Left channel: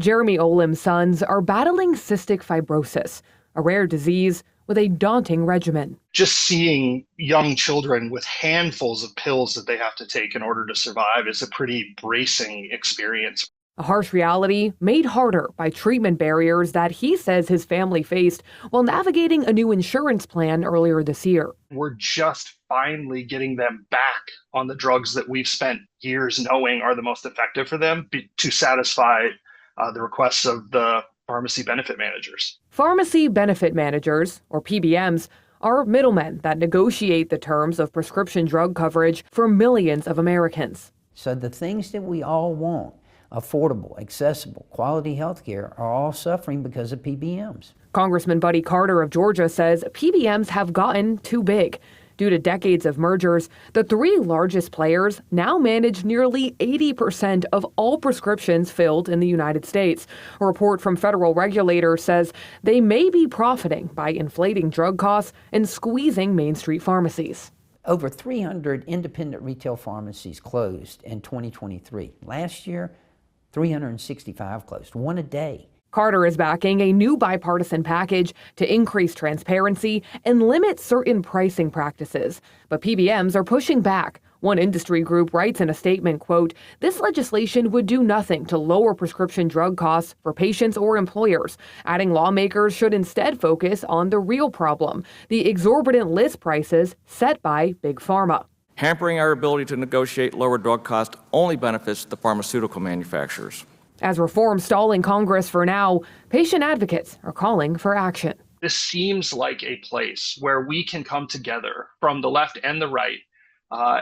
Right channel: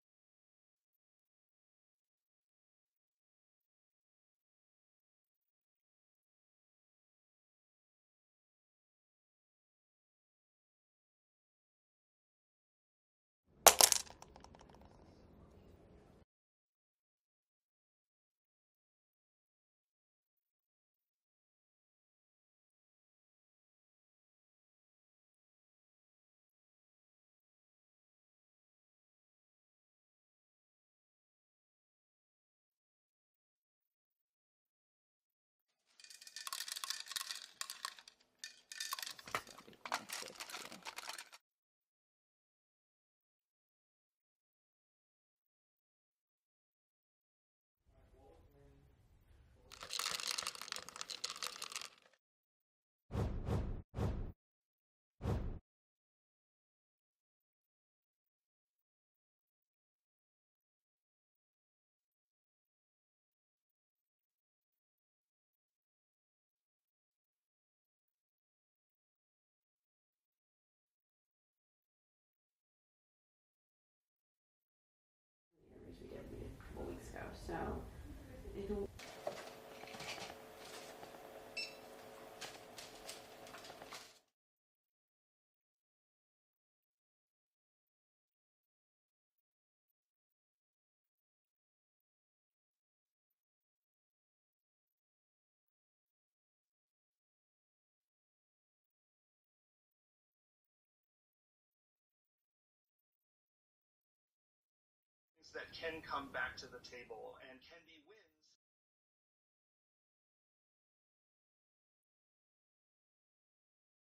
Jeremy Olim's sons are battling cystic fibrosis, a rare disease with a daunting regimen. Just seeing young children with handfuls of pills that they have to take in order to survive is a pretty bracing experience. A harsh reality made harder by treatment barriers that he says his family faced while navigating a new insurance plan earlier this year. We're just finally getting them back on the drugs that we've spent years knowing are the most effective for them to satisfy the requests of the pharmacy benefit managers. Pharmacy benefit managers, or PBMs, are middlemen that negotiate the terms of prescription drug coverage for millions of Americans. So the things that we all want, affordable, accessible, quality health care, are all suffering because of PBMs. Congressman Buddy Carter of Georgia says PBMs have gotten too big. Due to decades of mergers, the three largest players now manage nearly 80% of all prescriptions filled in the United States. A report from federal regulators says they may be profiting by inflating drug costs and squeezing Main Street pharmacies. Over 300 independent retail pharmacies closed in 2023. Last year, 365 closed, one a day. Carter is backing a new bipartisan package to increase transparency and limit certain pricing practices. But PBMs are pushing back. One industry group writes in a statement, quote, "This legislation would do nothing to lower prescription drug costs for patients or employers," adding lawmakers should instead focus on the real problem, the exorbitant list prices set by Big Pharma. Hampering our ability to negotiate lower drug costs only benefits the pharmaceutical manufacturers. As reform stalling Congress for now, patient advocates are calling for action. This seems like a place where we can come together from the left and the right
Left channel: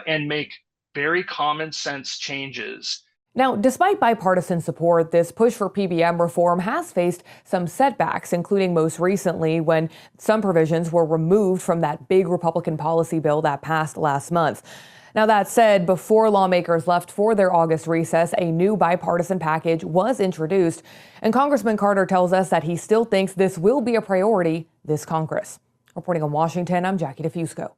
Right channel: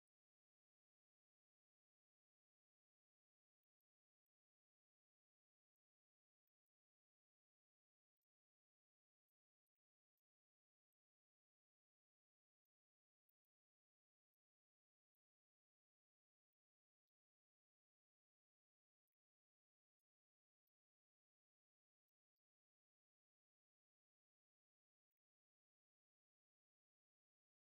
and make very common sense changes. Now, despite bipartisan support, this push for PBM reform has faced some setbacks, including most recently when some provisions were removed from that big Republican policy bill that passed last month. Now, that said, before lawmakers left for their August recess, a new bipartisan package was introduced. And Congressman Carter tells us that he still thinks this will be a priority this Congress. Reporting in Washington, I'm Jackie DeFusco.